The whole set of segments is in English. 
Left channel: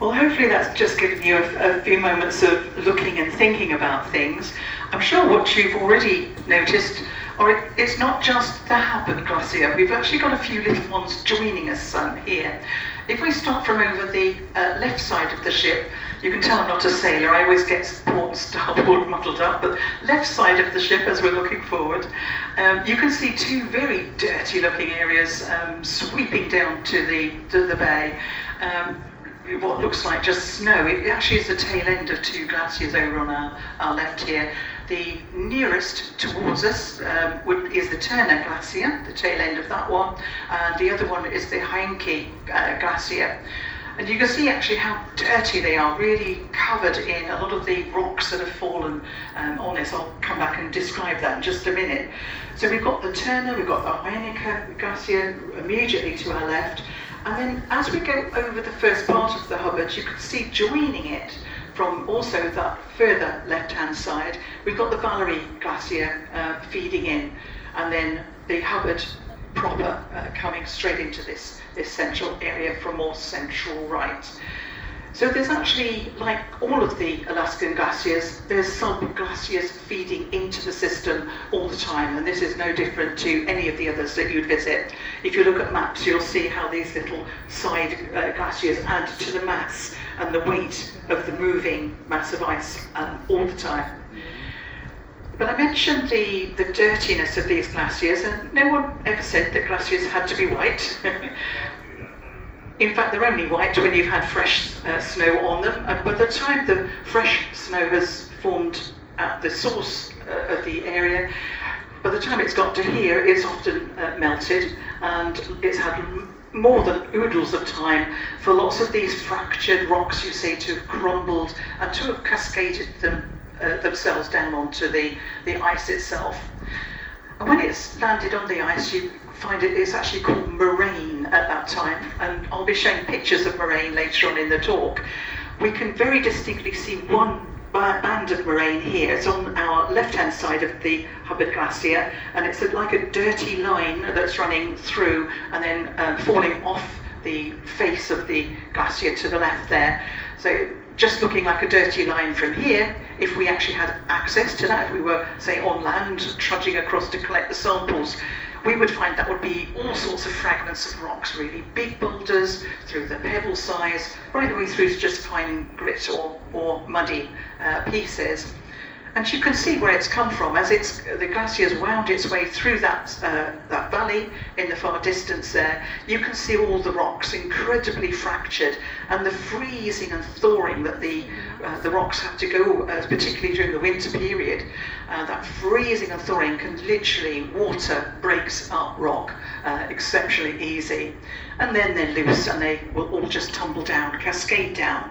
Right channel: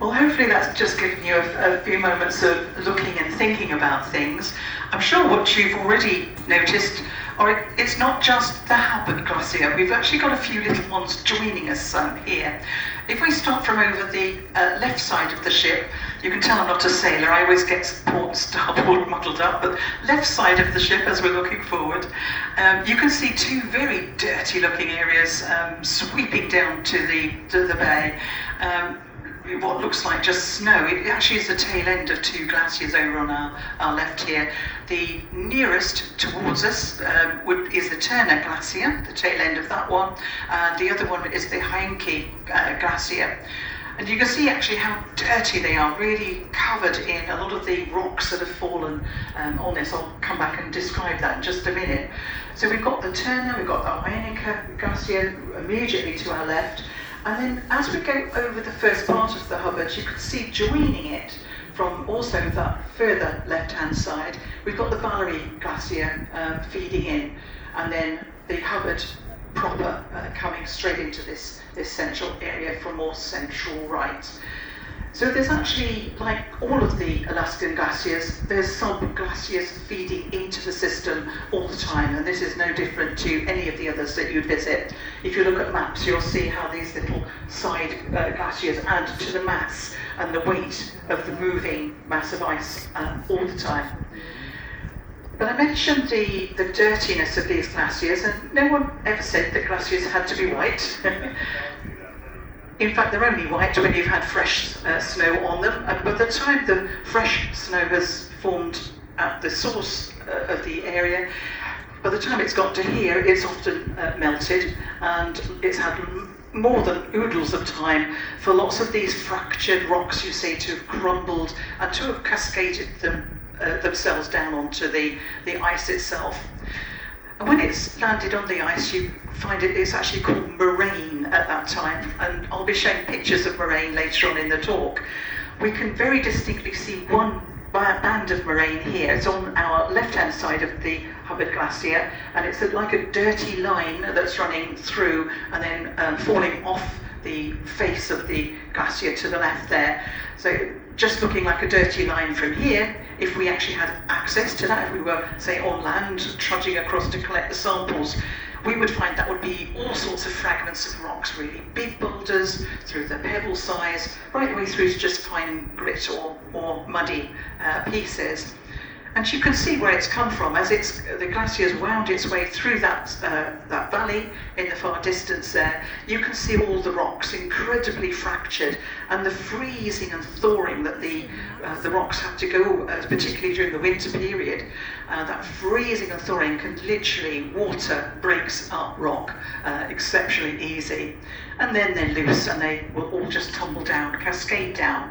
Well, hopefully that's just given you a few moments of looking and thinking about things. I'm sure what you've already noticed, or it's not just the Hubbard Glacier. We've actually got a few little ones joining us here. If we start from over the left side of the ship, you can tell I'm not a sailor. I always get port starboard muddled up, but left side of the ship as we're looking forward, you can see two very dirty looking areas sweeping down to the bay. What looks like just snow. It actually is the tail end of two glaciers over on our left here. The nearest towards us is the Turner Glacier, the tail end of that one. The other one is the Heinke Glacier. And you can see actually how dirty they are, really covered in a lot of the rocks that have fallen on this. I'll come back and describe that in just a minute. So we've got the Turner, we've got the Heinke Glacier immediately to our left. And then as we go over the first part of the Hubbard, you can see joining it from also that further left-hand side, we've got the Valerie Glacier feeding in, and then the Hubbard proper coming straight into this central area from more central right. So there's actually, like all of the Alaskan glaciers, there's sub-glaciers feeding into the system all the time, and this is no different to any of the others that you'd visit. If you look at maps, you'll see how these little side glaciers add to the mass and the weight of the moving mass of ice all the time. But I mentioned the dirtiness of these glaciers, and no one ever said that glaciers had to be white. In fact, they're only white when you've had fresh snow on them. And by the time the fresh snow has formed at the source of the area, by the time it's got to here, it's often melted, and it's had more than oodles of time for lots of these fractured rocks, you see, to have crumbled and to have cascaded themselves down onto the ice itself. And when it's landed on the ice, you find it's actually called moraine at that time, and I'll be showing pictures of moraine later on in the talk. We can very distinctly see one band of moraine here. It's on our left-hand side of the Hubbard Glacier, and it's like a dirty line that's running through and then falling off the face of the glacier to the left there. So just looking like a dirty line from here, if we actually had access to that, if we were, say, on land, trudging across to collect the samples, we would find that would be all sorts of fragments of rocks, really big boulders, through the pebble size, right the way through to just fine grit or muddy pieces. And you can see where it's come from as the glacier's wound its way through that valley in the far distance there. You can see all the rocks incredibly fractured, and the freezing and thawing that the rocks have to go, particularly during the winter period. That freezing and thawing can literally, water breaks up rock exceptionally easy. And then they're loose and they will all just tumble down, cascade down.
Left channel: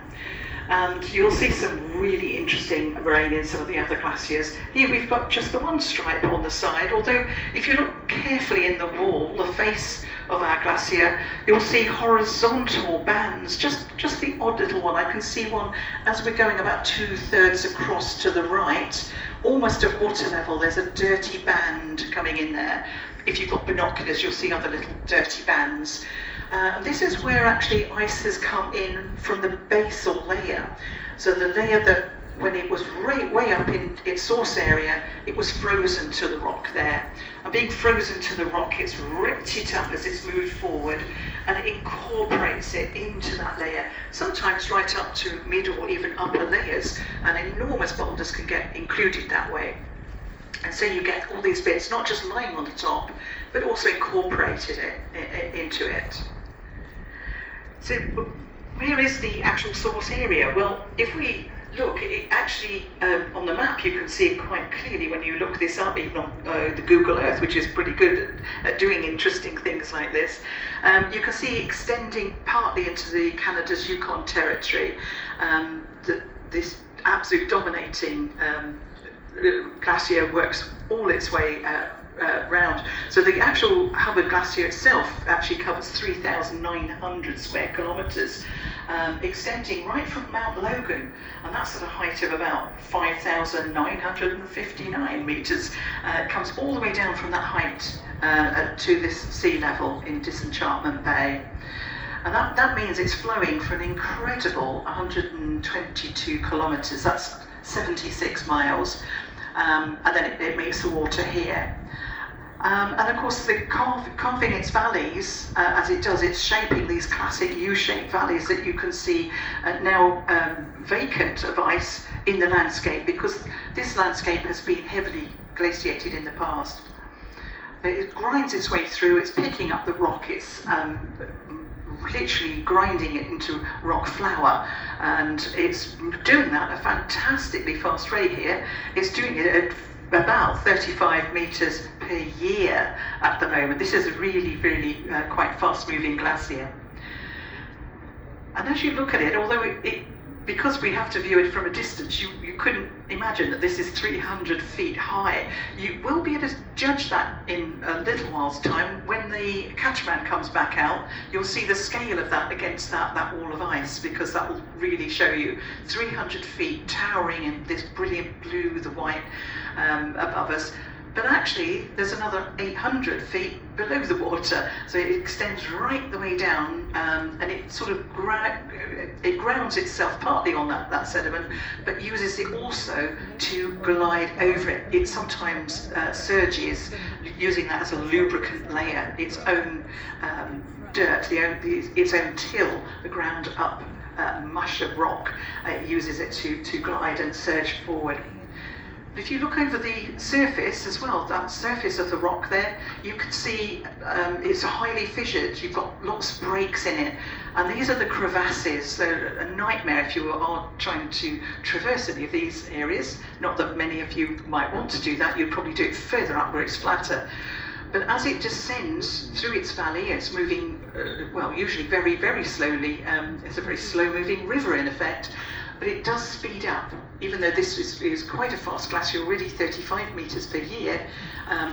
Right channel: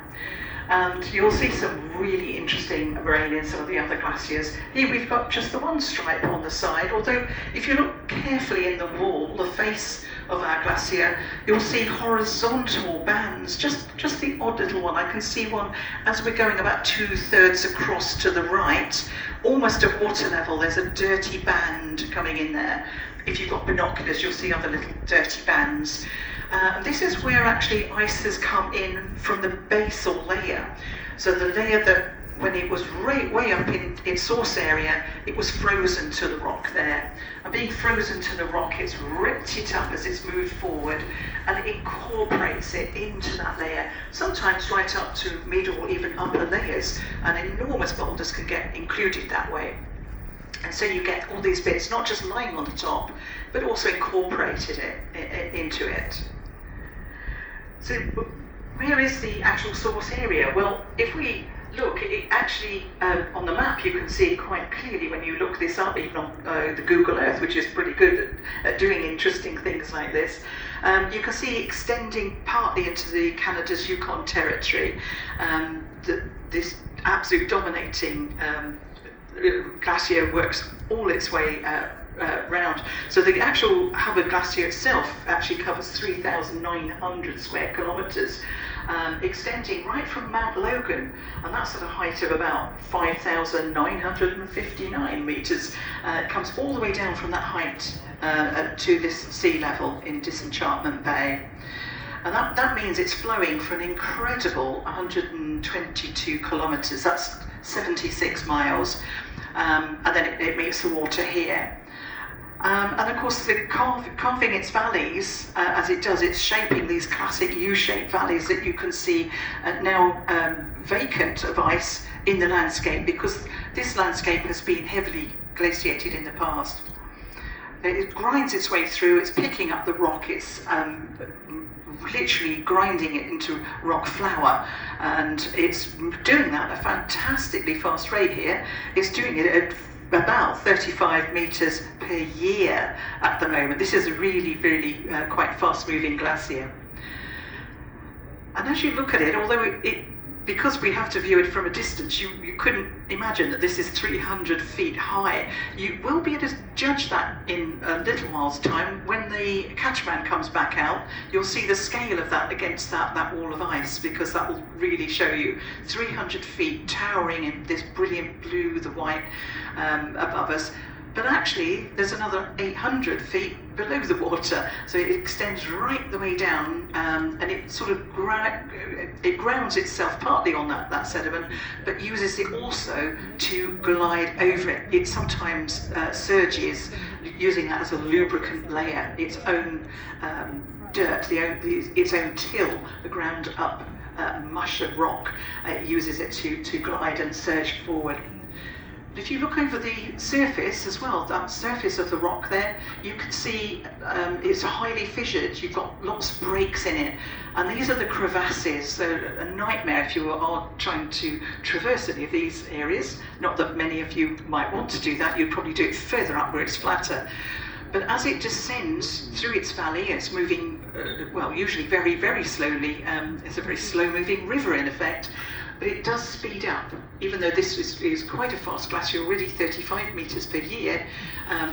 And you'll see some really interesting moraine in some of the other glaciers. Here we've got just the one stripe on the side, although if you look carefully in the wall, the face of our glacier, you'll see horizontal bands, just the odd little one. I can see one as we're going about 2/3 across to the right, almost at water level. There's a dirty band coming in there. If you've got binoculars, you'll see other little dirty bands. This is where actually ice has come in from the basal layer. So the layer that, when it was way up in its source area, it was frozen to the rock there. And being frozen to the rock, it's ripped it up as it's moved forward, and it incorporates it into that layer, sometimes right up to mid or even upper layers, and enormous boulders can get included that way. And so you get all these bits, not just lying on the top, but also incorporated into it. So where is the actual source area? Well, if we look, it actually, on the map you can see it quite clearly when you look this up, even on the Google Earth, which is pretty good at doing interesting things like this. You can see extending partly into the Canada's Yukon Territory, this absolute dominating glacier works all its way round. So the actual Hubbard Glacier itself actually covers 3,900 square kilometres, extending right from Mount Logan, and that's at a height of about 5,959 metres. It comes all the way down from that height to this sea level in Disenchantment Bay. And that means it's flowing for an incredible 122 kilometres, that's 76 miles, and then it meets the water here. And of course, carving its valleys, as it does, it's shaping these classic U-shaped valleys that you can see now vacant of ice in the landscape, because this landscape has been heavily glaciated in the past. It grinds its way through, it's picking up the rock, it's literally grinding it into rock flour, and it's doing that at a fantastically fast rate here. It's doing it at about 35 metres per year at the moment. This is a really, really quite fast-moving glacier. And as you look at it, although because we have to view it from a distance, you couldn't imagine that this is 300 feet high. You will be able to judge that in a little while's time. When the catamaran comes back out, you'll see the scale of that against that wall of ice, because that will really show you 300 feet towering in this brilliant blue with the white above us. But actually, there's another 800 feet below the water, so it extends right the way down, and it sort of grounds itself partly on that sediment, but uses it also to glide over it. It sometimes surges, using that as a lubricant layer, its own dirt, its own till, the ground up mush of rock. It uses it to glide and surge forward. If you look over the surface as well, that surface of the rock there, you can see it's highly fissured. You've got lots of breaks in it, and these are the crevasses. They're a nightmare if you are trying to traverse any of these areas. Not that many of you might want to do that, you'd probably do it further up where it's flatter. But as it descends through its valley, it's moving, well, usually very, very slowly. It's a very slow-moving river in effect. But it does speed up, even though this is quite a fast glacier, already 35 metres per year.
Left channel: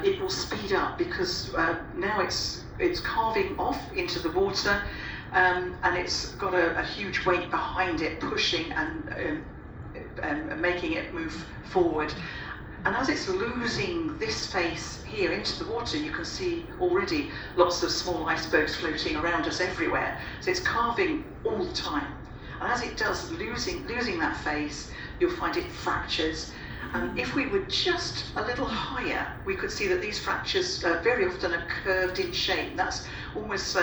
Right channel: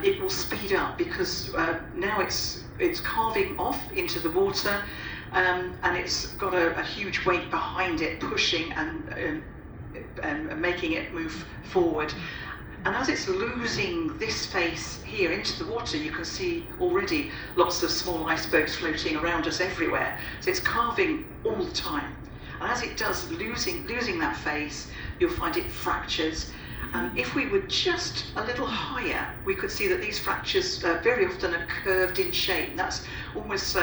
It will speed up because now it's carving off into the water, and it's got a huge weight behind it, pushing and making it move forward. And as it's losing this face here into the water, you can see already lots of small icebergs floating around us everywhere. So it's carving all the time. And as it does, losing that face, you'll find it fractures. If we were just a little higher, we could see that these fractures very often are curved in shape. That's almost,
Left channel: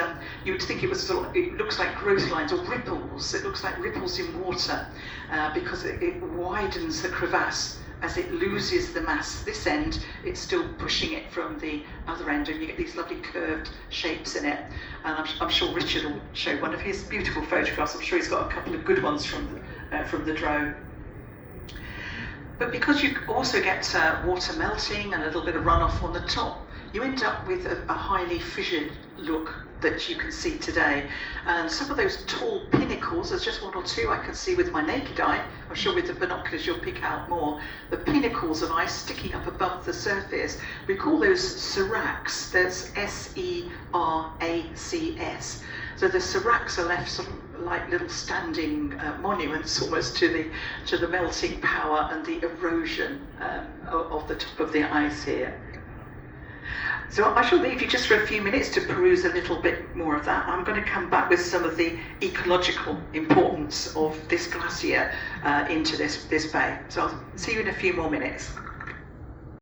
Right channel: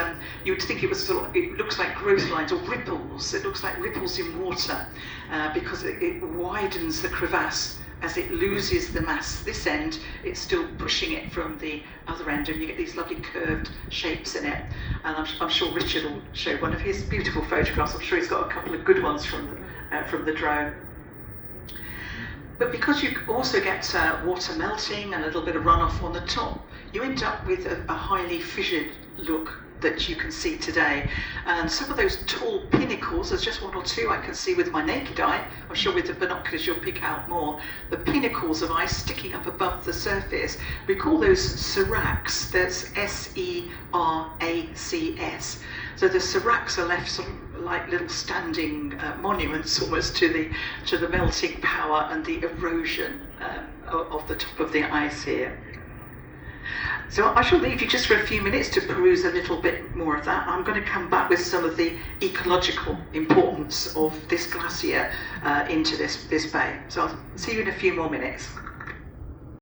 you would think it was sort of, it looks like growth lines or ripples. It looks like ripples in water because it widens the crevasse. As it loses the mass this end, it's still pushing it from the other end, and you get these lovely curved shapes in it. And I'm sure Richard will show one of his beautiful photographs. I'm sure he's got a couple of good ones from the drone. But because you also get water melting and a little bit of runoff on the top, you end up with a highly fissured look that you can see today. And some of those tall pinnacles, there's just one or two I can see with my naked eye. I'm sure with the binoculars you'll pick out more. The pinnacles of ice sticking up above the surface, we call those seracs. That's S-E-R-A-C-S. So the seracs are left sort of like little standing monuments almost to the melting power and the erosion of the top of the ice here. So I shall leave you just for a few minutes to peruse a little bit more of that. I'm going to come back with some of the ecological importance of this glacier into this bay. So I'll see you in a few more minutes.